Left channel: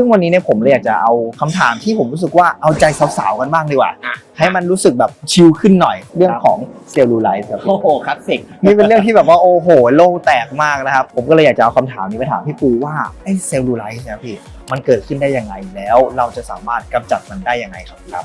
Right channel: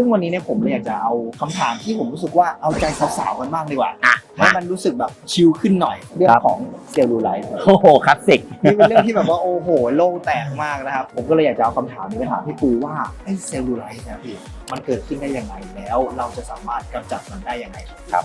ซึ่งวันนี้เนี่ยผมเลยอยากจะเอาคำถามที่ผมรู้สึกว่าเอาใจสาวๆกันบ้างดีกว่า อะ ให้มันรู้สึกแบบชิลขึ้นหน่อยเรื่องของเซลลูไลท์ครับโอ้โหคลาสสิก นี่เป็นเรื่องที่แบบว่าโอ้โหโล่งแตกมากนะครับ ผมก็เลยอยากจะเอาคำถามนี้ไปถามพี่ปูว่าไอ้เซลลูไลท์เนี่ยพี่มันเกิดขึ้นได้ยังไงแล้ว เราจะสามารถกำจัดมันได้ยังไงครับ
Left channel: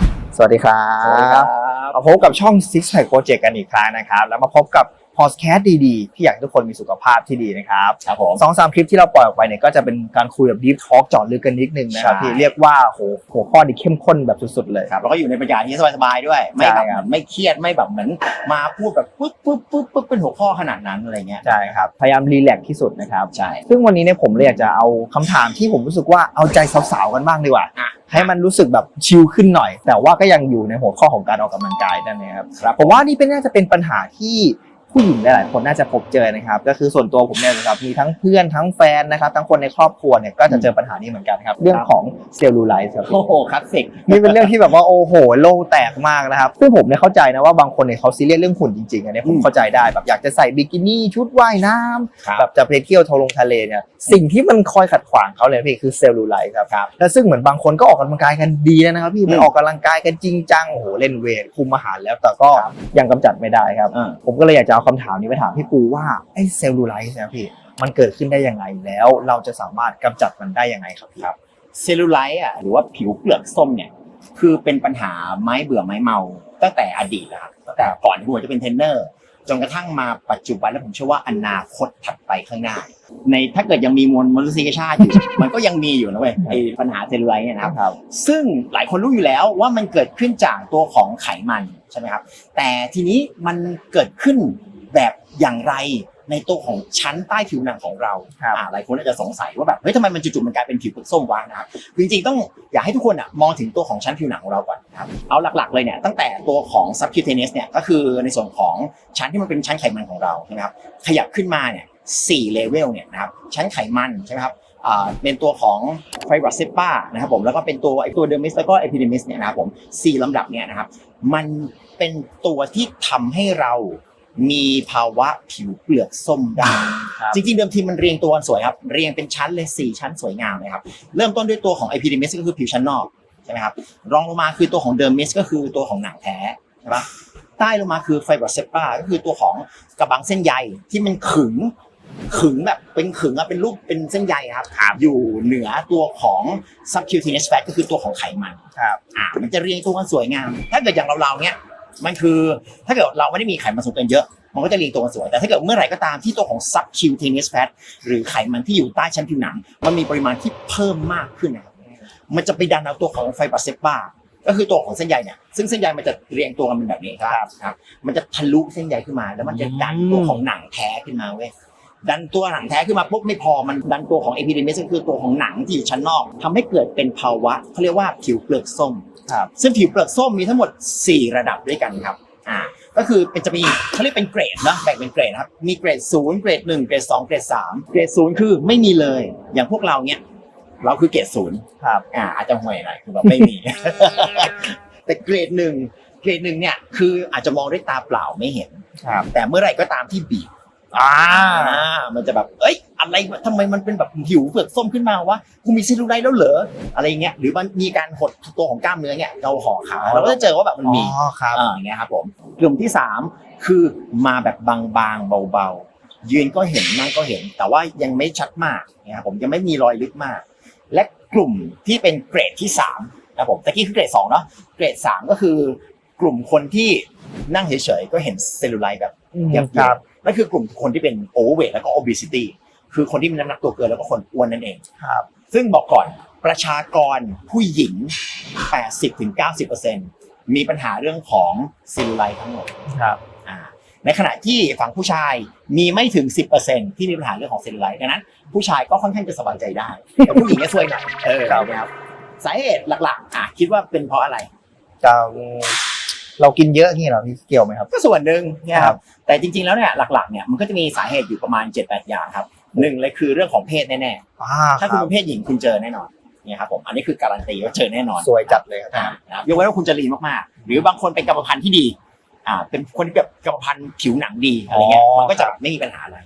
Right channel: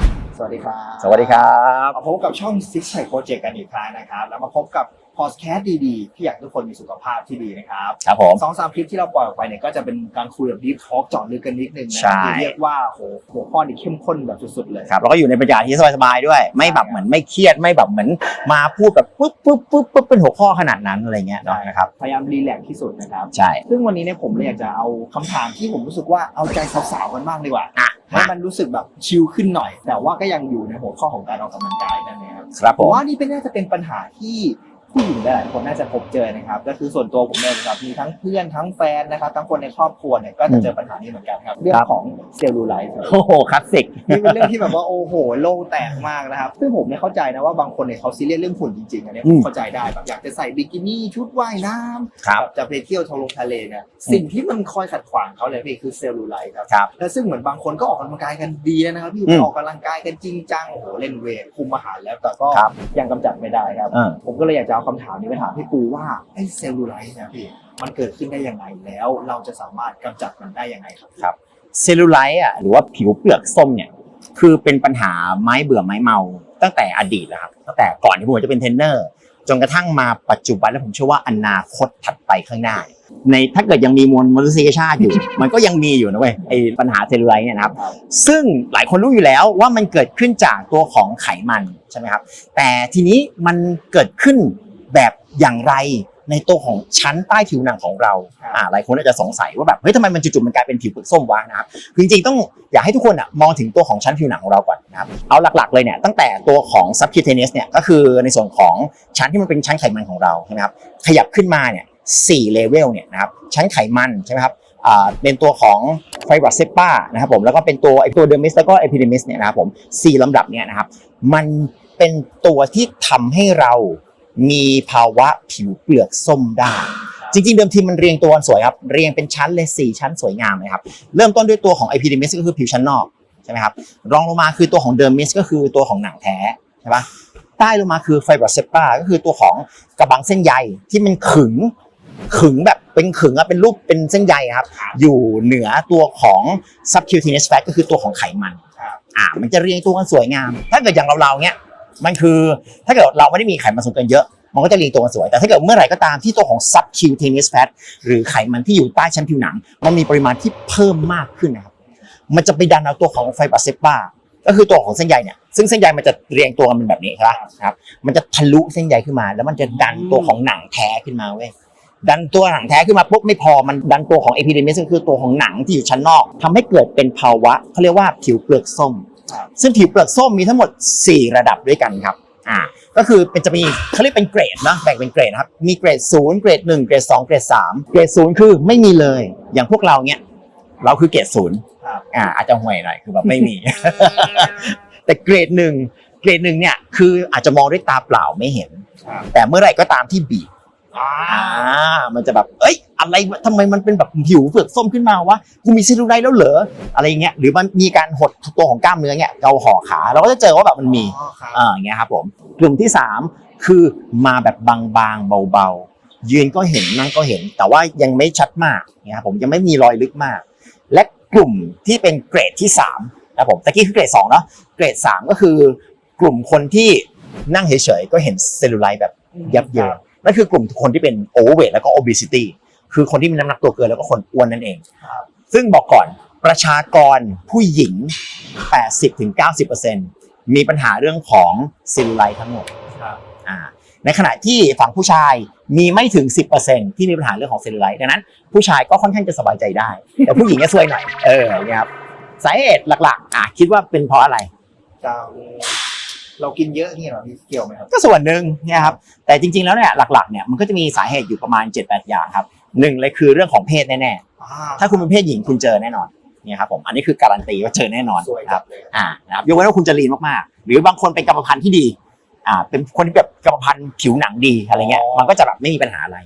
สวัสดีครับ สวัสดีครับ มาพบกับช่อง Six Pack Project กันอีกครั้งนะครับ แล้วมาพบกับ พอดแคสต์ดีๆ ที่อยากให้ทุกคนมีสุขภาพที่ดีนะครับครับผม สองสามคลิปที่เราปล่อยออกไปเนี่ยก็จะเป็นการคุยแบบ deep talk เจาะลึกกันนิดนึงนะครับใช่ ที่เรียกว่าโหหัวข้อที่เข้มข้นแบบสุดๆเลย ครับแล้วก็อยู่ในบรรยากาศที่สบายๆด้วย ไม่แบบใช่เหครับมือนไม่เครียดไม่แบบเหมือนมาพูดแบบปุ๊บปุ๊บปุ๊บปุ๊บเป็นหัวข้อขนาดนั้นอะไรเงี้ยใช่ครับ พยายามรีแลกซ์ที่สุดนะครับ ใช่ ซึ่งวันนี้เนี่ยผมเลยอยากจะเอาคำถามที่ผมรู้สึกว่าเอาใจสาวๆกันบ้างดีกว่าอะ ให้มันรู้สึกแบบชิลขึ้นหน่อย แต่ว่าก็ยังอยู่ในหัวข้อของการออกกำลังกายนั่นเองครับ ครับผมว่านี่เป็นน่าจะเป็นปัญหาที่ ผู้หญิงหลายๆคนน่าจะพบเจอนะครับ ก็คือส่วนตัวผมเนี่ยนะครับมีทั้งเพื่อนทั้งแฟนนะครับ ทั้งคนในครอบครัวเนี่ยก็จะเจอปัญหานี้เหมือนกันครับ เรื่องของเซลลูไลท์ครับโอ้โหคลาสสิกนี่เป็นเรื่องที่แบบว่าโอ้โหโล่งแตกมากนะครับซึ่งผมเนี่ยเข้าใจนะว่าบางคนเนี่ยเขาซีเรียสเรื่องหุ่นจริงๆอันนี้ผมอืมเข้าใจได้แบบอยากจะใส่บิกินี่ชุดว่ายน้ำครับแบบจะไปเที่ยวทะลงทะเลเนี่ยสิ่งที่มันคอยขัดขวางเขาเลยพี่คือเซลลูไลท์ครับครับแล้วซึ่งเหมือนบางคนก็ออกกำลังกายกันดีแล้วนะครับพี่อืมไปออกกำลังกายกันจริงจังโอ้โหเล่นเวทคุมอาหารแล้วแต่ก็ครับยังกำจัดไม่ได้ครับเออผมก็เลยอยากจะเอาคำถามนี้ไปถามพี่ปูว่าไอ้เซลลูไลท์เนี่ยพี่มันเกิดขึ้นได้ยังไงแล้วเราจะสามารถกำจัดมันได้ยังไงครับครับเซลลูไลท์อะหรือว่าผิวเปลือกส้มเนี่ยคือเป็นปัญหาไม้เบื่อไม้เมา ตั้งแต่อดีตแล้วครับตั้งแต่ก่อนที่ผมจะเป็นเทรนเนอร์จนกระทั่งมาปัจจุบันแล้วผมเชื่อว่าอนาคตถัดไปข้างหน้า ในถ้าเกิดยังมีมวลมนุษยชาติอยู่ มันก็ยังมีอยู่นะเว้ยไอ้ปัญหาเซลลูไลท์เนี่ยนะครับครับซึ่งหลายคนรู้อยู่แล้วว่ามันเกิดขึ้นจากตัวของไขมันใช่ไหมครับ แต่ทีนี้มันเกิดขึ้น แบบอย่างไรในตัวของชั้นใต้ผิวหนังของเราครับอ่าหลายคนอาจจะสงสัยว่าแบบเฮ้ยทำไมมันจู่ๆมันกลายเป็นผิวเปลือกส้มวะนะครับคือจริงๆต้องอยากให้ทุกคนอะมองถึงตัวของชั้นผิวหนังของเราก่อนนะครับเอาหลักๆเลยเนี่ยตั้งแต่ตัวของ subcutaneous เนี่ยก็คือในส่วนของชั้นที่มันเป็นชั้นไขมันของเราใช่ไหมครับขยับขึ้นมาเนี่ยสี่เลเวลเนี่ยนะครับชั้นไขมันใช่ไหมครับอ่าเป็นตัวของไฟบรัสเซปานะครับผมแล้วก็เป็นตัวไอตัวเดอร์มิสแล้วก็เอพิเดมิสเนี่ยนะครับผมสี่ลำดับเนี่ยนะครับมันเป็นตัวที่ทำให้เรา มีภาวะผิวเปลือกส้มได้ครับจริงๆ เดิมทีมันเรียงตัวกันสวยครับ เรียงเป็นชั้นเลย4ชั้นสวยงามเลยครับเริ่มต้นด้วยตัวของ epidermis ก็คือผิวชั้นนอกใช่ไหมครับรองลงมาคือตัวของ dermis ก็คือตัวของหนังแท้ใช่ปะใต้ลงมาคือ fibrous septa ก็คือตัวของกระบังเส้นใยที่มันขึงขึงแบบเป็นขึงอะเป็นรูปเป็นเส้นใยอะครับ อยู่เหนือตัวของ subcutaneous fat ก็คือตัวของไขมันครับอ่ามันจะเรียงตัวกันสวยงาม ถ้าเกิดอย่างเราๆเนี้ย มันคือถ้าเกิดเราไม่ได้มีไขมันสูงเกินเยอะ มันก็จะเรียงตัวสวย แต่ถ้าเกิดเมื่อไหร่ก็ตามที่ตัวของ subcutaneous fat หรือไขมันที่อยู่ใต้ชั้นผิวหนัง มันมีปริมาณที่เพิ่มมากขึ้นนะครับ มันจะไปดันเอาตัวของไฟบรัสเซปาก็คือตัวของเส้นใยเนี่ย ซึ่งเส้นใยมันจะเรียงตัวกันเป็นแบบนี้ครับครับ มันจะทะลุเส้นใยขึ้นมา แล้วมันจะดันตัวของหนังแท้ขึ้นมาเว้ย ดันตัวหนังแท้ขึ้นมาปุ๊บไม่พอ มันดันตัวของเอพิเดมิสก็คือตัวของหนังที่อยู่ชั้นนอกทำให้เกิดเป็นภาวะเขาเรียกว่าผิวเปลือกส้ม ครับ ซึ่งผิวเปลือกส้มมีทั้งหมด 4 ระดับด้วยกันครับอ่าก็คือเป็นจะมีเขาเรียกเป็นเกรดนะแบ่งเป็นเกรดนะครับมีเกรดศูนย์เกรดหนึ่งเกรดสองเกรดสามเกรดศูนย์คือไม่มีเลย อย่างพวกเราเนี่ยเราคือเกรดศูนย์ครับอ่าอาจจะห่วยหน่อยคือแบบไม่มี แต่เกรดหนึ่งเกรดหนึ่งเนี่ยคืออาจจะมองด้วยตาเปล่าไม่เห็น ครับ แต่เมื่อไหร่ก็ตามที่บีบอ่าอ่ามันจะแบบเอ้ย อะไรวะทำไมมันเป็นแบบผิวเปลือกส้มขึ้นมาวะกูมีเซลลูไลท์แล้วเหรออะไรเงี้ยหรือมันมีการหดตัวของกล้ามเนื้อเนี่ยเราห่อขาเราก็จะเจอว่าแบบมันมีอ๋อครับอ่าอย่างเงี้ยครับผมกลุ่มที่ 3 คือมาแบบบางๆเบาๆ ยืนก็เห็นนั่งก็เห็น แต่ว่ายังไม่ชัดมากนะครับผมยังไม่มีรอยลึกมาก และกลุ่มที่เป็นเกรดที่3นะครับผมตะกี้คือเกรด2เนาะเกรด 3 ก็คือกลุ่มคนที่นั่งเฉยๆก็เห็นเซลลูไลท์แบบยับคเยิรันบนั่นคือกลุ่มคนที่เป็นโอเวอร์เวทแล้วก็ obesity คือคนที่มีน้ำหนักตัวเกินแล้วก็คนอ้วนนั่นเองครับซึ่งบอกก่อนประชากรผู้หญิง 80-90%มีปัญหาเรื่องของซิลไลท์ทั้งหมดครับอ่าในขณะที่ฝั่งผู้ชายมีไม่ถึง 10%ที่มีปัญหาเรื่องของเซลลูไลท์ดังนั้น ผู้ชายก็ค่อนข้างจะสบายใจได้ แต่ผู้หญิงก็ซวยหนักเออนะครับสาเหตุหลักๆอะคิดว่าเป็นเพราะอะไรจะเรากินเยอะนี่เหรอพี่เกี่ยวไหมครับ ก็ส่วนหนึ่งเนี่ยครับแต่จริงๆแล้วเนี่ยหลักๆเนี่ยมันก็จะมีสาเหตุอยู่ประมาณ 7-8 อย่างครับ หนึ่งเลยคือเรื่องของเพศแน่ๆถ้าคุณเป็นเพศหญิงคุณเจอแน่นอนเนี่ยครับผมอันนี้คือการันตีว่าเจอแน่นอนสวยจัดเลยครับอ่านะครับยกเว้นว่าคุณจะลีนมากๆ หรือบางคนเป็นกรรมพันธุ์ที่ดีอ่าเป็นคนที่แบบกรรมพันธุ์ผิวหนังดีอะไรเงี้ยอ๋อมันก็จะแบบไม่มีปัญหาอะไร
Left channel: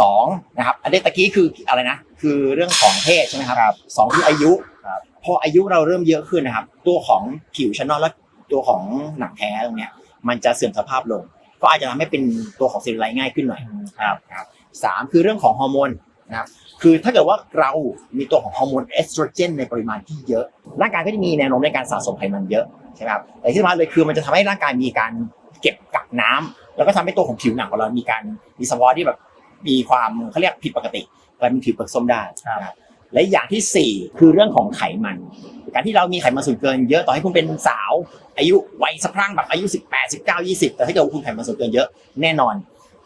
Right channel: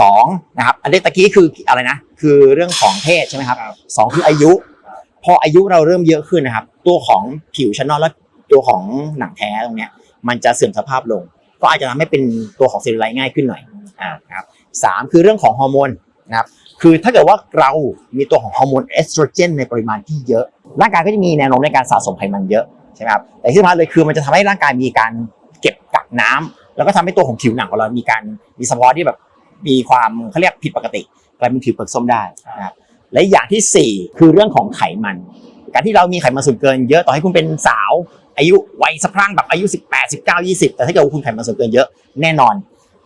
สองนะครับอันนี้ตะกี้คืออะไรนะ คือเรื่องของเพศใช่ไหมครับสองคืออายุครับพออายุเราเริ่มเยอะขึ้นนะครับ ตัวของผิวชั้นนอกและตัวของหนังแท้ตรงเนี้ยมันจะเสื่อมสภาพลง ก็อาจจะทำให้เป็นตัวของเซลลูไลท์ง่ายขึ้นหน่อยครับ ครับสามคือเรื่องของฮอร์โมนนะครับคือถ้าเกิดว่าเรามีตัวของฮอร์โมนเอสโตรเจนในปริมาณที่เยอะ ร่างกายก็จะมีแนวโน้มในการสะสมไขมันเยอะใช่ไหมครับแต่ที่สำคัญเลยคือมันจะทำให้ร่างกายมีการเก็บกักน้ำแล้วก็ทำให้ตัวของผิวหนังของเรามีการมีสภาวะที่แบบมีความเขาเรียกผิดปกติกลายเป็นผิวเปลือกส้มได้นะครับและอย่างที่สี่คือเรื่องของไขมัน การที่เรามีไขมันส่วนเกินเยอะต่อให้คุณเป็นสาว อายุวัยสะพรั่งแบบอายุ 18 19 20 แต่ถ้าเกิดว่าคุณไขมันส่วนเกินเยอะแน่นอน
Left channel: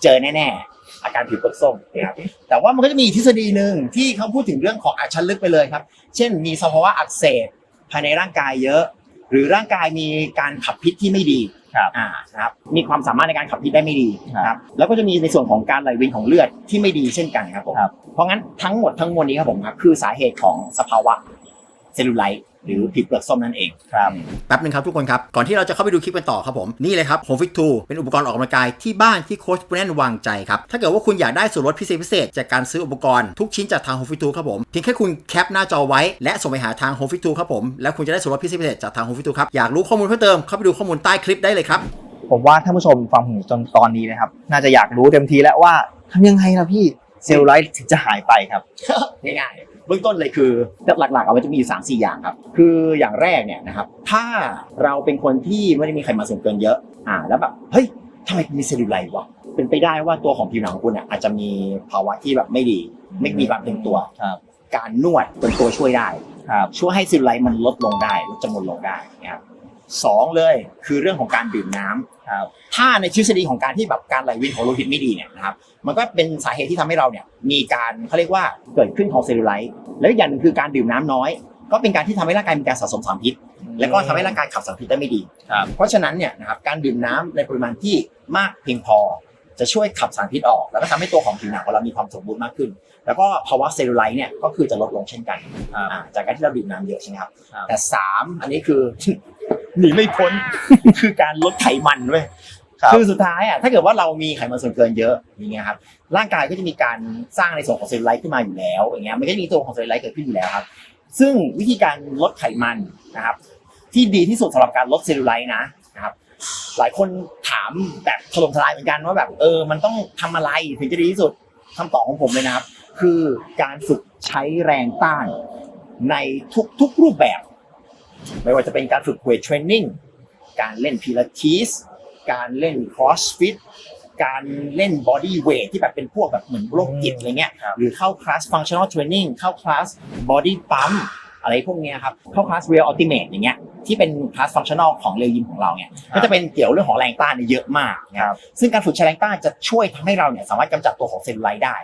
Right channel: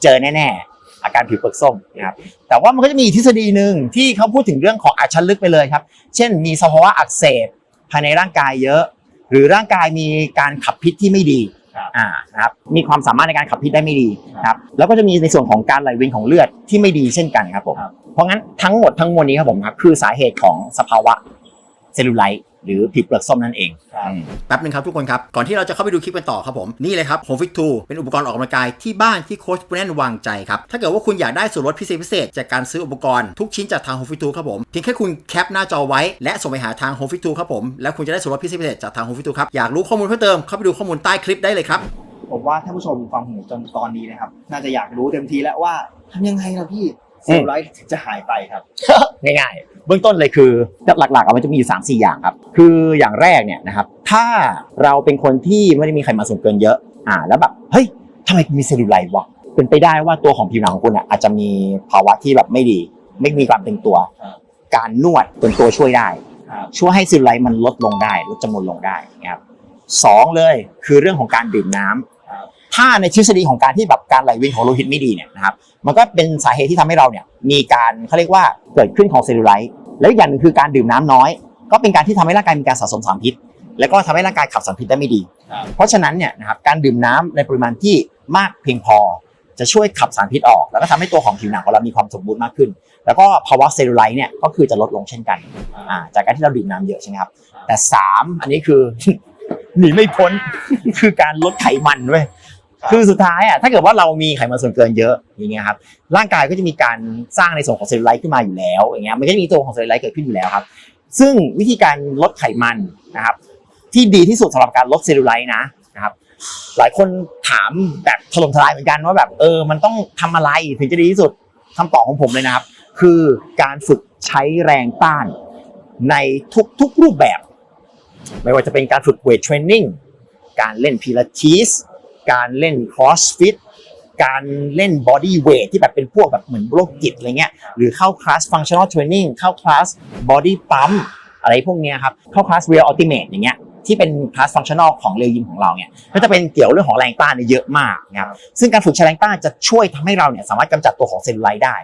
เจอแน่ๆ อาการผิวเปลือกส้มนะครับแต่ว่ามันก็จะมีอีกทฤษฎีหนึ่งที่เขาพูดถึงเรื่องของอาชันลึกไปเลยครับ เช่น มีสภาวะอักเสบภายในร่างกายเยอะ หรือร่างกายมีการขับพิษที่ไม่ดีครับอ่านะครับมีความสามารถในการขับพิษได้ไม่ดีนะครับแล้วก็จะมีในส่วนของการไหลเวียนของเลือดที่ไม่ดีเช่นกันครับผมครับเพราะงั้นทั้งหมดทั้งมวลนี้ครับผมครับคือสาเหตุของสภาวะเซลลูไลท์ หรือผิวเปลือกส้มนั่นเองครับแป๊บนึงครับทุกคนครับ ก่อนที่เราจะเข้าไปดูคลิปกันต่อครับผม นี่เลยครับ Home Fit 2เป็นอุปกรณ์ออกกำลังกายที่บ้านที่โค้ชปุแนนวางใจครับ ถ้าเกิดว่าคุณอยากได้ส่วนลดพิเศษพิเศษจากการซื้ออุปกรณ์ทุกชิ้นจากทาง Home Fit 2ครับผมเพียงแค่คุณแคปหน้าจอไว้และส่งไปหาทาง Home Fit 2ครับผมแล้วคุณจะได้ส่วนลดพิเศษพิเศษจากทาง Home Fit 2ครับอยากรู้ข้อมูลเพิ่มเติมเข้าไปดูข้อมูลใต้คลิปได้เลยครับผมว่าท่านผู้ชมฟังผมจนตอนนี้นะครับ น่าจะอยากรู้เต็มทีแล้วว่าทำยังไงล่ะพี่เซลลูไลท์ถึงจะหายไปครับ ง่ายๆ เบื้องต้นเลยคือหลักๆเอามันจะมีอยู่สามสี่อย่างครับ คืออย่างแรกเนี่ยนะครับ ถ้าเราเป็นคนที่ไม่ได้มีไขมันส่วนเกินเยอะ อ่า แล้วแบบ เฮ้ยทำไมมีเซลลูไลท์วะ เป็นไปได้ว่าตัวของผิวหนังของคุณเนี่ยอาจจะมีภาวะที่แบบไม่ดี ไม่มีความเป็นตัว ครับการนวดเป็นตัวช่วยได้ ครับช่วยให้เซลลูไลท์มันลดลงได้ ลดจำนวนลงได้นะครับสองเลยคือเรื่องของการดื่มน้ำ ครับ ถ้าในทฤษฎีของการที่แบบการไหลเวียนของโลหิตไม่ดีเนี่ยนะครับมันก็เป็นสาเหตุที่ทำให้เราเนี่ยมีการเขาเรียกว่าเกิดขึ้นของเซลลูไลท์แล้วอีกอย่างหนึ่งคือการดื่มน้ำน้อย ก็เป็นการที่ทำให้ร่างกายมีการสะสมสารพิษ แล้วก็ทำให้ร่างกายขับสารพิษได้ไม่ดีครับเพราะฉะนั้นเนี่ยนะครับการดื่มน้ำในปริมาณที่มากเพียงพอ จะช่วยขับสารพิษออก แล้วก็ทำให้ตัวของผิวหนังของเรามีความสมบูรณ์มากขึ้น แล้วก็ภาวะเซลลูไลท์เนี่ยก็คือจะลดลงเช่นกันครับอ่าจากการที่เราดื่มน้ำเยอะใช่ไหมครับครับแต่สามอันนี้คือหนีไม่พ้นคือการลดไขมันด้วย ครับ คือสุดท้ายอะถ้าเกิดว่าเรามีไขมันส่วนเกินเยอะอย่างเงี้ยครับร่างกายก็จะมีการสร้างในส่วนของเซลลูไลท์ขึ้นมาอยู่แล้วอย่างเงี้ยมันก็จะมีตัวของเซลลูไลท์เกิดขึ้นอยู่แล้วครับ ซึ่งวิธีการลดไขมันนะครับ ที่ดีที่สุดสำหรับการลดเซลลูไลท์นะนะครับ หลายคนถามแบบถล่มทลายเหมือนกันว่าแบบเออมันต้องทำอะไรถึงจะดีที่สุดคำตอบของผมเลยนะครับ คือการฝึกใช้แรงต้านในทุกๆรูปแบบ ไม่ว่าจะเป็นการฝึกเวทเทรนนิ่ง การเล่นพิลาทิส การเล่นครอสฟิตการเล่นบอดี้เวทที่แบบเป็นพวกแบบเหมือนโรคจิตอะไรเงี้ยครับหรือเข้าคลาสฟังชั่นอลเทรนนิ่งเข้าคลาสบอดี้ปั๊มอะไรพวกเนี้ยครับเข้าคลาสเรียลอัลติเมทอย่างเงี้ยที่เป็นคลาสฟังชั่นอลของเรยิมของเราเนี่ยก็จะเป็นเกี่ยวเรื่องของแรงต้านเนี่ยเยอะมากนะครับซึ่งการฝึกใช้แรงต้านจะช่วยทำให้เราเนี่ยสามารถกำจัดตัวของเซลลูไลท์ได้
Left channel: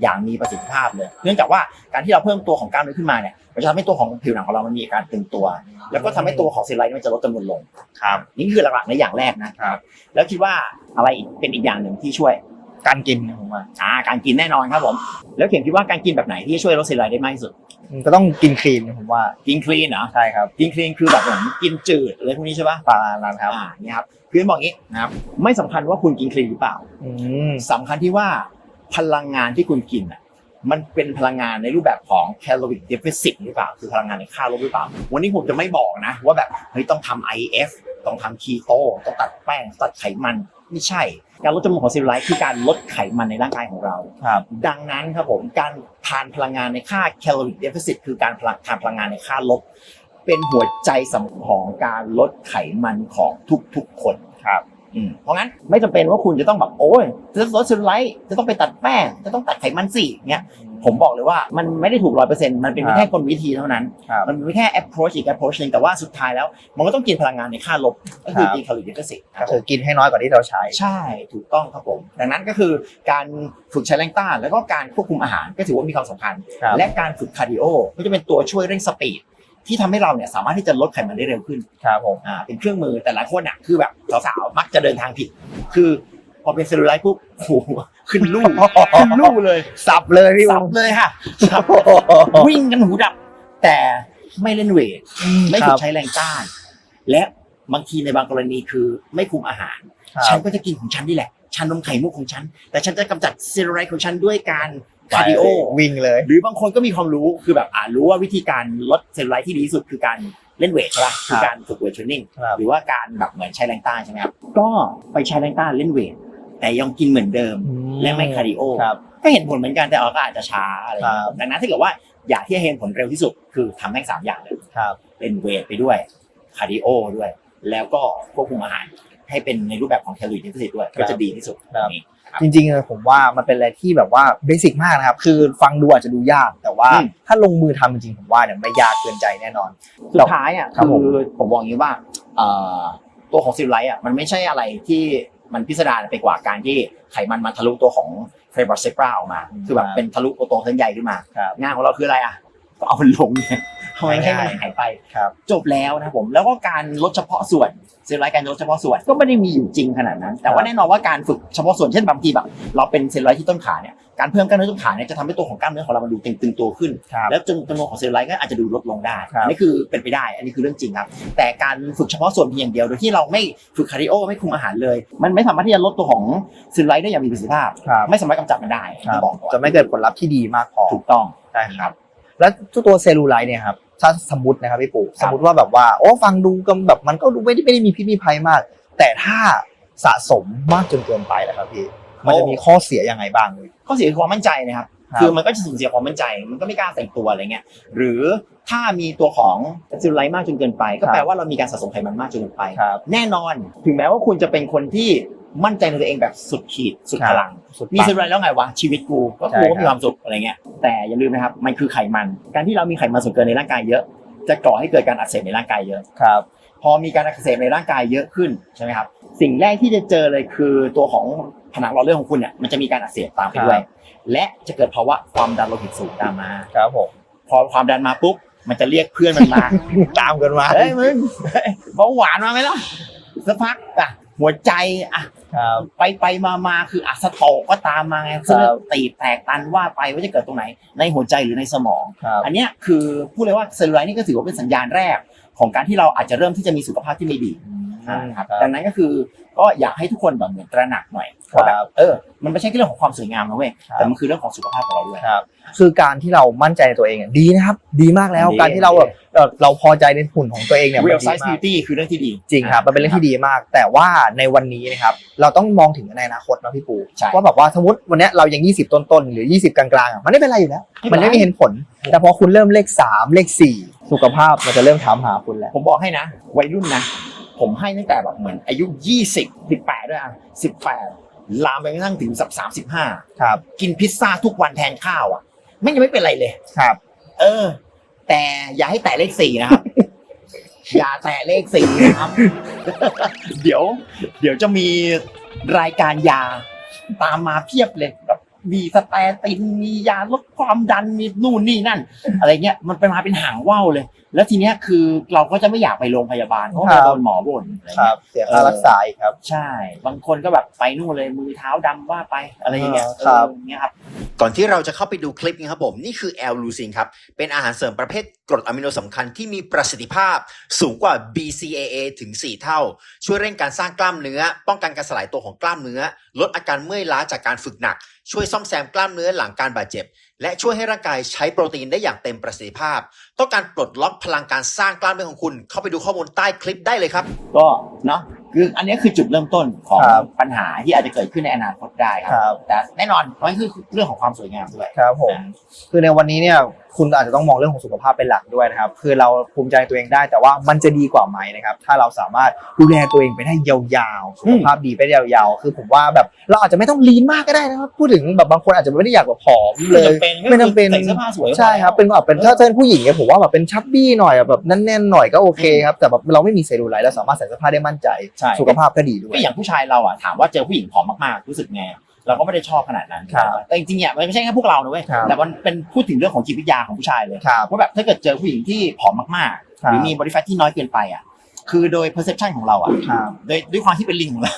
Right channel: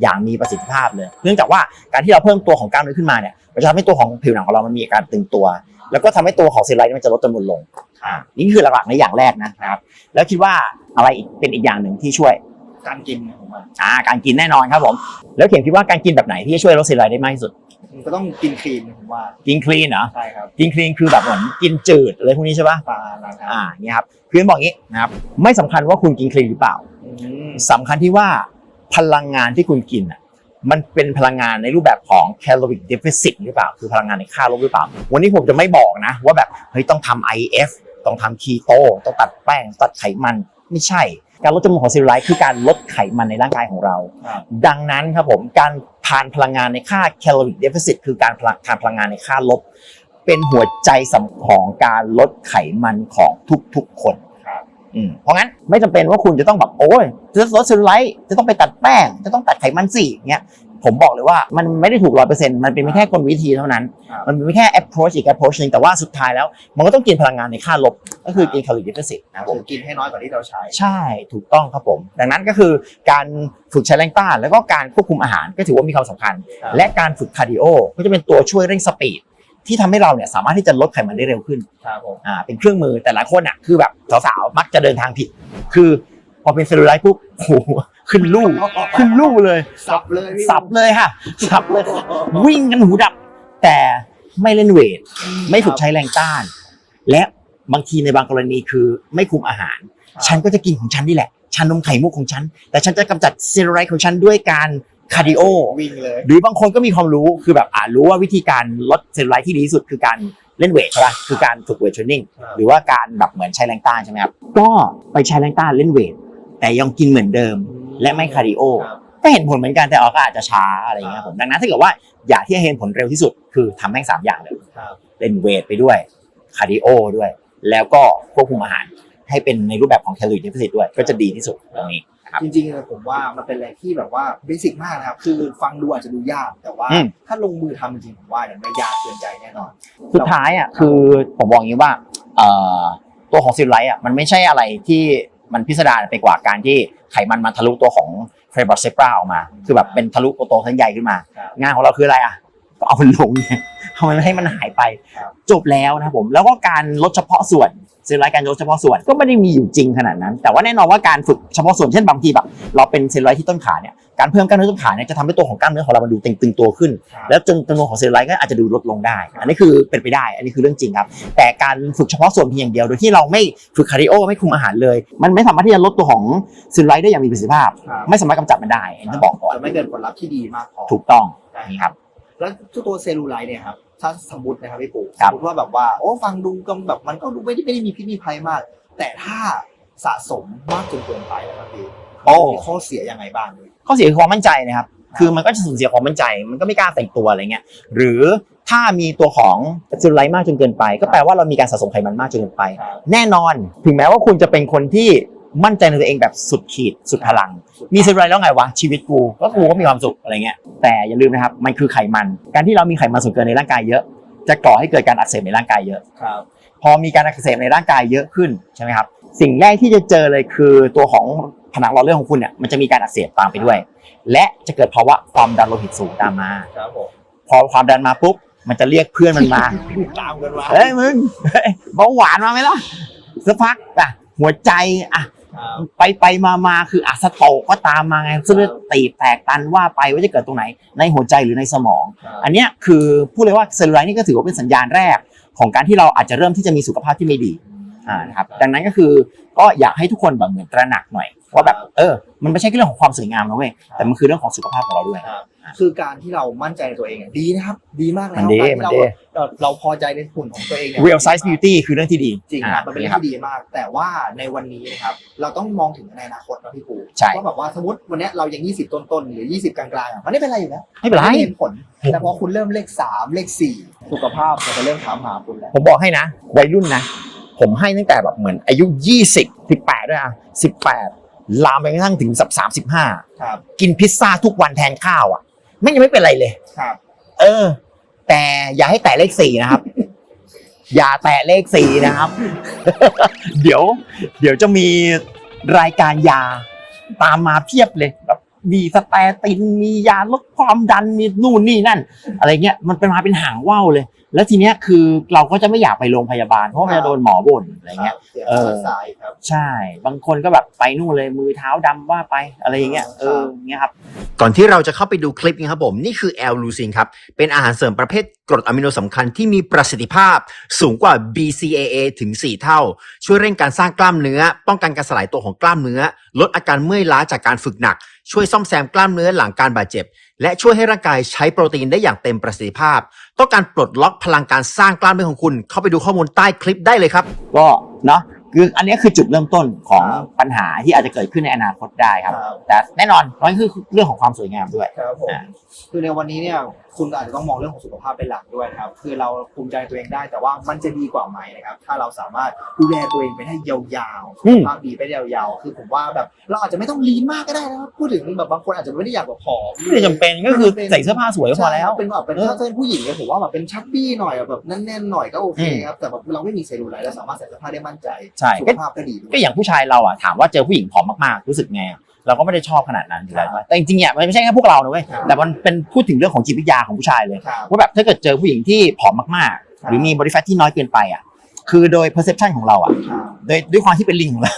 อย่างมีประสิทธิภาพเลย เนื่องจากว่าการที่เราเพิ่มตัวของกล้ามเนื้อขึ้นมาเนี่ย มันจะทำให้ตัวของผิวหนังของเรามันมีอาการตึงตัว แล้วก็ทำให้ตัวของเซลลูไลท์มันจะลดจำนวนลง ครับ นี่คือหลักๆในอย่างแรกนะครับ แล้วคิดว่าอะไรอีกเป็นอีกอย่างหนึ่งที่ช่วยการกินนะผมว่าอ่าการกินแน่นอนครับผม แล้วเขียนคิดว่าการกินแบบไหนที่จะช่วยลดเซลลูไลท์ได้มากที่สุด มันก็ต้องกินคลีนนะผมว่ากินคลีนเหรอ ใช่ครับ กินคลีนคือแบบเหมือนกินจืดอะไรพวกนี้ใช่ปะปลาร้านครับอ่าเนี่ยครับคือบอกงี้นะครับไม่สำคัญว่าคุณกินคลีนหรือเปล่าอืมสำคัญที่ว่าพลังงานที่คุณกินอะ มันเป็นพลังงานในรูปแบบของ caloric deficit หรือเปล่า คือพลังงานในค่าลบหรือเปล่า วันนี้ผมจะไม่บอกนะ ว่าแบบเฮ้ยต้องทำ IF ต้องทำคีโตต้องตัดแป้ง ตัดไขมัน ไม่ใช่ การลดจำนวนของเซลลูไลท์คือการลดไขมันในร่างกายของเราครับดังนั้นครับผม การทานพลังงานในค่า caloric deficit คือการพลังทานพลังงานในค่าลบ เป็นหัวใจสำคัญของการลดไขมันของทุกๆคนครับอืม เพราะงั้นไม่จำเป็นว่าคุณจะต้องแบบโอ้ยจะลดเซลลูไลท์จะต้องไปตัดแป้ง จะต้องตัดไขมันสิเงี้ยผมบอกเลยว่ามันไม่ได้ถูกร้อยเปอร์เซ็นต์มันเป็นครับแค่กลวิธีเท่านั้นครับมันเป็นแค่ approach อีก approach หนึงแต่ว่าสุดท้ายแล้ว มันก็ต้องกินพลังงานในค่าลบ ก็คือครับกินแคลอรี่ดิฟิสิตนะก็ผคืมอกินให้น้อยกว่าที่เราใช้ ใช่ถูกต้องครับผม ดังนั้นก็คือการฝึกใช้แรงต้าน แล้วก็การควบคุมอาหารก็ถือว่ามีความสำคัญครับและการฝึกคาร์ดิโอก็จะเป็นตัวช่วยเร่งสปีด ที่ทำให้เราเนี่ยสามารถที่จะลดไขมันได้เร็วขึ้น ครับผม อ่าเป็นเครื่องมือแต่ละคนอะคือแบบสาวๆมักจะเดินทางผิด คือพอเป็นเซลลูไลท์ปุ๊บโอ้โหขึ้นลูกขึ้นลูกเลยสับเลยพี่สับเลยค่ะสับวิ่งกันหูดับ แต่ไม่เล่นเวทไม่ฝึกใช้แรงต้าน และบางทีในบางกรณีคือไม่คุมอาหาร ครับ ฉันก็จะกินของฉันนี่แหละชานมไข่มุกของฉัน แต่ฉันจะกำจัดเซลลูไลท์ของฉันด้วยการ คาร์ดิโอวิ่งเลย หรือบางคนก็มีความรู้คือแบบอ่ารู้ว่าวิธีการลดเซลลูไลท์ที่ดีที่สุดคือการเล่นเวทใช่ป่ะคือการฝึกเวทเทรนนิ่งครับ หรือว่าการแบบเหมือนใช้แรงต้านใช่ไหมครับก็ไปใช้แรงต้านเล่นเวทแต่ยังกินเหมือนเดิม และไม่คาร์ดิโอ ครับ ก็เห็นผลเหมือนกันแต่เราก็อาจจะช้าอะไรอย่างเงี้ยครับดังนั้นถ้าเกิดว่าอยากที่จะเห็นผลเร็วที่สุด คือทำแม่งสามอย่างเลยครับเล่นเวทไปด้วยคาร์ดิโอด้วย แล้วก็ควบคุมอาหารให้เป็นในรูปแบบของแคลอรี่เดฟิซิตด้วย ก็จะดีที่สุดตรงนี้ครับ จริงๆผมว่ามันเป็นอะไรที่แบบว่าเบสิกมากนะครับ คือฟังดูอาจจะดูยาก แต่ว่าอืมถ้าลงมือทำจริงๆผมว่าเนี่ยไม่ยากเกินใจแน่นอน สุดท้ายอะครับคือผมบอกอย่างนี้ว่าเอ่อตัวของซิลไลท์อะมันไม่ใช่อะไรที่มันพิสดารไปกว่าการที่ไขมันมาทะลุตัวของเฟรบอสเซปราออกมา คือแบบเป็นทะลุตัวโตทั้งใหญ่ขึ้นมาครับงานของเราคืออะไรอะก็เอามันลงเนี่ย ทำไมไม่ให้มันหายไป ครับ จบแล้วนะครับผมแล้วก็การลดเฉพาะส่วนเซลล์ไลท์การลดเฉพาะส่วนก็ไม่ได้มีอยู่จริงขนาดนั้น แต่ว่าแน่นอนว่าการฝึกเฉพาะส่วนเช่นบางทีแบบเราเป็นเซลล์ไลท์ที่ต้นขาเนี่ยการเพิ่มกล้ามเนื้อต้นขาเนี่ยจะทำให้ตัวของกล้ามเนื้อของเรามันดูตึงๆตัวขึ้น ครับแล้วจนจำนวนของเซลล์ไลท์ก็อาจจะดูลดลงได้ครับ อันนี้คือเป็นไปได้ อันนี้คือเรื่องจริงครับ แต่การฝึกเฉพาะส่วนเพียงอย่างเดียวโดยที่เราไม่ฝึกคาร์ดิโอไม่คุมอาหารเลย มันไม่สามารถที่จะลดตัวของเซลล์ไลท์ได้อย่างมีประสิทธิภาพ ครับไม่สามารถกำจัดมันได้อันนี้บอกก่อนจะไม่เกิดผลลัพธ์ที่ดีมากพอถูกต้อง ใช่ครับ แล้วตัวเซลลูไลท์เนี่ยครับถ้าสมมตินะครับพี่ปู่คสรัมบมติว่าแบบว่าโอ้ฟังดูก็แบบมันก็ดูไม่ได้ไม่ได้มีพิษมีภัยมาก แต่ถ้าสะสมมากจนเกินไปแล้วครับพี่มันจะมีข้อเสียยังไงบ้างเลยข้อเสียคือความมั่นใจนะครับครับ คือมันก็จะสูญเสียความมั่นใจ มันก็ไม่กล้าแต่งตัวอะไรเงี้ย หรือถ้ามีตัวของเซลลูไลท์มากจนเกินไป ก็แปลว่าเรามีการสะสมไขมันมากจนเกินไปครับแน่นอน ถึงแม้ว่าคุณจะเป็นคนที่ มั่นใจในตัวเองแบบสุดขีดสุดพลังสุดมีเซลลูไลท์แล้วไงวะชีวิตกูก็กูใช่ครับก็มีความสุขอะไรเงี้ยแต่อย่าลืมนะครับมันคือไขมัน การที่เรามีไขมันส่วนเกินในร่างกายเยอะ จะก่อให้เกิดการอักเสบในร่างกายเยอะครับพอมีการอักเสบในร่างกายเยอะขึ้นใช่ไหมครับสิ่งแรกที่จะเจอเลยคือตัวของผนังหลอดเลือดของคุณเนี่ยมันจะมีการอักเสบตามไปด้วย และจะเกิดภาวะความดันโลหิตสูงตามมาครับผมพอความดันมาปุ๊บมันจะเรียกเพื่อนมันมาตามกันมาเฮ้ยมึงเฮ้ยเบาหวานมาไหมล่ะสักพักอะหัวใจอะ ครับ ไปไปมามาคืออะสโตรกก็ตามมาไงเส้นเลือดตีบแตกตันว่าไปว่าจะเกิดตรงไหนในหัวใจหรือในสมอง ครับอันเนี้ยคือพูดเลยว่าเซลลูไลท์นี่ก็ถือว่าเป็นสัญญาณแรก ของการที่เราอาจจะเริ่มที่จะมีสุขภาพที่ไม่ดี อ่าครับดังนั้นก็คือก็อยากให้ทุกคนแบบเหมือนตระหนักหน่อยว่าแบบเออมันไม่ใช่แค่เรื่องของความสวยงามนะเว้ยแต่มันคือเรื่องของสุขภาพของเราด้วยครับคือการที่เรามั่นใจในตัวเองอะดีนะครับ ดีมากแล้วดีการที่เราดีแบบเราเราพอใจในหุ่นของตัวเองเนี่ย real มัน size ดีมาก beauty คือเรื่องที่ดีจริงครับมันเป็นเรื่องที่ดีมาก แต่ว่าในวันนี้นะครับเราต้องมองถึงในอนาคตนะพี่ปูใช่ว่าแบบว่าสมมติวันเนี้ยเรายัง 20 ต้นๆหรือ 20 กลางๆอะมันไม่เป็นไรอยู่แล้วไม่เป็นไรมัไม่เห็นผล แต่พอคุณเริ่มเลข 3 เลข 4 สุขภาพมันจะเริ่มถามหาคุณแล้วผมบอกให้นะวัยรุ่นนะ ผมให้ตั้งแต่แบบเหมือนอายุ 20 18 ด้วยอะ 18 ลามไปกระทั่งถึงสัก35ครับ กินพิซซ่าทุกวันแทนข้าวอะไม่ยังไม่เป็นไรเลยครับ เออ แต่อย่าให้แตะเลขสี่นะครับ อย่าแตะเลขสี่นะครับ เดี๋ยว เดี๋ยวจะมีรายการยาตามมาเพียบเลยแบบ มีสแตตินมียาลดความดันมีนู่นนี่นั่น อะไรเงี้ยมันเป็นมาเป็นหางว่าวเลย แล้วทีเนี้ยคือเราก็จะไม่อยากไปโรงพยาบาลเพราะครัจะบโดนหมอบ่นอะไรครัเงี้บย เสียค่ารักษาอีกครับ ใช่ บางคนก็แบบไปนู่นเลยมือเท้าดำว่าไปอะไรอย่างเงี้ยครับเอออย่างเงี้ยครับ ก่อนที่เราจะเข้าไปดูคลิปนี้ครับผมนี่คือแอลลูซินครับ เป็นอาหารเสริมประเภทกรดอะมิโนสำคัญที่มีประสิทธิภาพสูงกว่า BCAA ถึง 4 เท่า ช่วยเร่งการสร้างกล้ามเนื้อ ป้องกันการสลายตัวของกล้ามเนื้อ ลดอาการเมื่อยล้าจากการฝึกหนัก ช่วยซ่อมแซมกล้ามเนื้อหลังการบาดเจ็บ และช่วยให้ร่างกายใช้โปรตีนได้อย่างเต็มประสิทธิภาพ ต้องการปลดล็อกพลังการสร้างกล้ามเนื้อของคุณ เข้าไปดูข้อมูลใต้คลิปได้เลยครับ ก็เนาะคืออันนี้คือจุดเริ่มต้นของครับปัญหาที่อาจจะเกิดขึ้นในอนาคตได้ครับ ครับ แต่แน่นอนมันคือเรื่องของความสวยงามด้วย ครับผมอ่าคือในวันนี้เนี่ย คุณอาจจะต้องมองเรื่องของสุขภาพเป็นหลักด้วยนะครับ คือเราภูมิใจตัวเองได้แต่ว่ามันจะดีกว่าไหมนะครับ ถ้าเราสามารถดูแลตัวเองไปได้ยาวๆสุขภาพดีไปได้ยาวๆ คือผมว่าแบบเราอาจจะไม่ต้องลีนมากก็ได้นะครับพูดถึงแบบบางคนอาจจะไม่ได้อยากแบบผอมไม่จำเป็นไม่จำเป็นใส่เสื้อผ้าสวยก็พอใช่ครับแล้วเป็นแบบเป็นถ้าเป็นผู้หญิงเนี่ยผมว่าแบบเป็นชับบี้หน่อยแบบแน่นๆหน่อยก็โอเคครับแต่แบบเราไม่มีเซลลูไลท์เราสามารถใส่เสื้อผ้าได้มั่นใจใช่สุขภาพก็ดีด้วยก็อย่างผู้ชายเราอะถามว่าเจอผู้หญิงผอมมากๆรู้สึกไง เราก็ไม่ได้ชอบขนาดนั้นครับแต่จริงๆเนี่ยมันไม่ใช่แค่พวกเรานะเว้ยครับแต่มันเป็นพูดถึงเรื่องของจิตวิทยาของผู้ชายเลยครับว่าแบบถ้าเกิดเจอผู้หญิงที่ผอมมากๆ ครับ หรือมีบริแฟตที่น้อยเกินไปอะคือโดย perception ของเราอะครับ โดยด้วยความที่เป็นลิงของเรา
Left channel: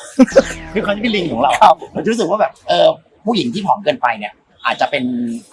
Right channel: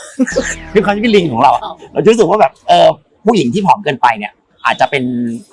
ด้วยความที่เป็นลิงของเราเราจะรู้สึกว่าแบบเออผู้หญิงที่ผอมเกินไปเนี่ย อาจจะเป็น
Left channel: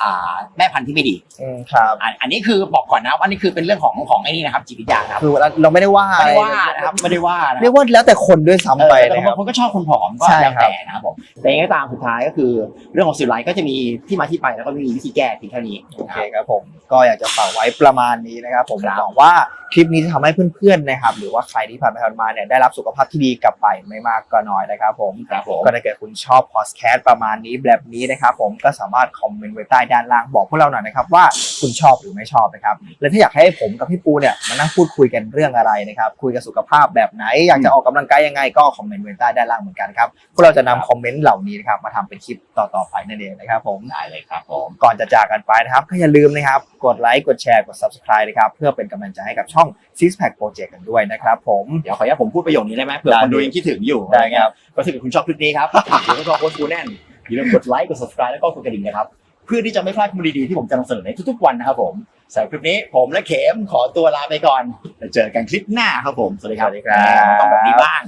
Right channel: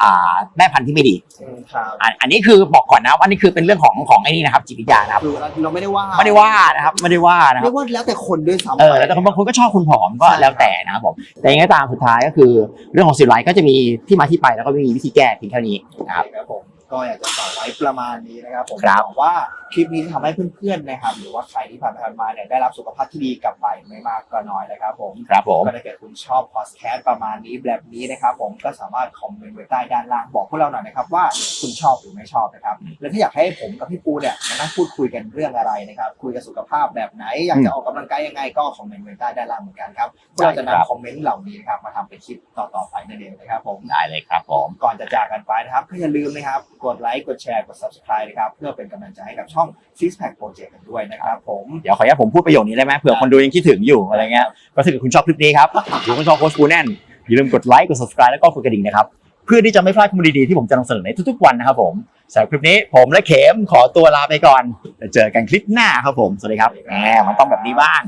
อ่าแม่พันธุ์ที่ไม่ดีอืมครับอันอันนี้คือบอกก่อนนะว่านี่คือเป็นเรื่องของของไอ้นี่นะครับจิตวิทยานะครับคือเราไม่ได้ว่าไม่ได้ว่านะครับไม่ได้ว่านะคเรีรัยบกว่าแล้วแต่คนด้วยซ้ำเอไปอแต่นะคบารับ งคนก็ชอบคนผอมก็ใช่แล้วครับแต่นะครับผมแต่ยังไงก็ตามสุดท้ายก็คือเรื่องของสิวไลท์ก็จะมีที่มาที่ไปแล้วก็มีวิธีแก้เพียงแค่นี้ โอเคครับผมก็อยากจะฝากไว้ประมาณนี้นะครับผมครับ หวังว่า คลิปนี้จะทำให้เพื่อนๆนะครับ หรือว่าใครที่ผ่านไปผ่านมาเนี่ยได้รับสุขภาพที่ดีกลับไปไม่มากก็น้อยนะครับผมครับผม ก็ถ้าเกิดคุณชอบพอดแคสต์ประมาณนี้แบบนี้นะครับผมก็สามารถคอมเมนต์ไว้ใต้ด้านล่างบอกพวกเราหน่อยนะครับว่าคุณชอบหรือไม่ชอบนะครับและถ้าอยากให้ผมกับพี่ปูเนี่ยมานั่งพูดคุยกันเรื่องอะไรนะครับคุยกันสุขภาพแบบไหน อยากจะออกกำลังกายยังไงก็คอมเมนต์ไว้ใต้ด้านล่างเหมือนกันครับพวกเราจะนำคอมเมนต์เหล่านี้นะครับมาทำเป็นคลิปต่อๆไปนั่นเองนะครับผม ได้เลยครับผม ก่อนจะจากกันไปนะครับก็อย่าลืมนะครับ กดไลค์ กดแชร์ กด subscribe นะครับ เพื่อเป็นกำลังใจให้กับช่อง Six Pack Project กันด้วยนะครับผมเดี๋ยวขออนุญาตผมพูดประโยคนี้ได้ไหมเผื่อได้คนดูยังคิดถึงอยู่อะไรเงี้ยก็ถ้าเกิดคุณชอบคลิปนี้ครับหรือคุณชอบโค้ชกูแน่นอย่าลืมกดไลค์กด subscribe แล้วก็กดกระดิ่งนะครับเพื่อที่จะไม่พลาดข้อมูลดีๆที่ผมจะนำเสนอในทุกๆวันนะครับผมสำหรับคลิปนี้ผมและเข็มขอตัวลาไปก่อนเจอกันคลิปหน้าครับผมสวัสดีครับสวัสดีครับแหมมันต้องแบบนี้บ้าง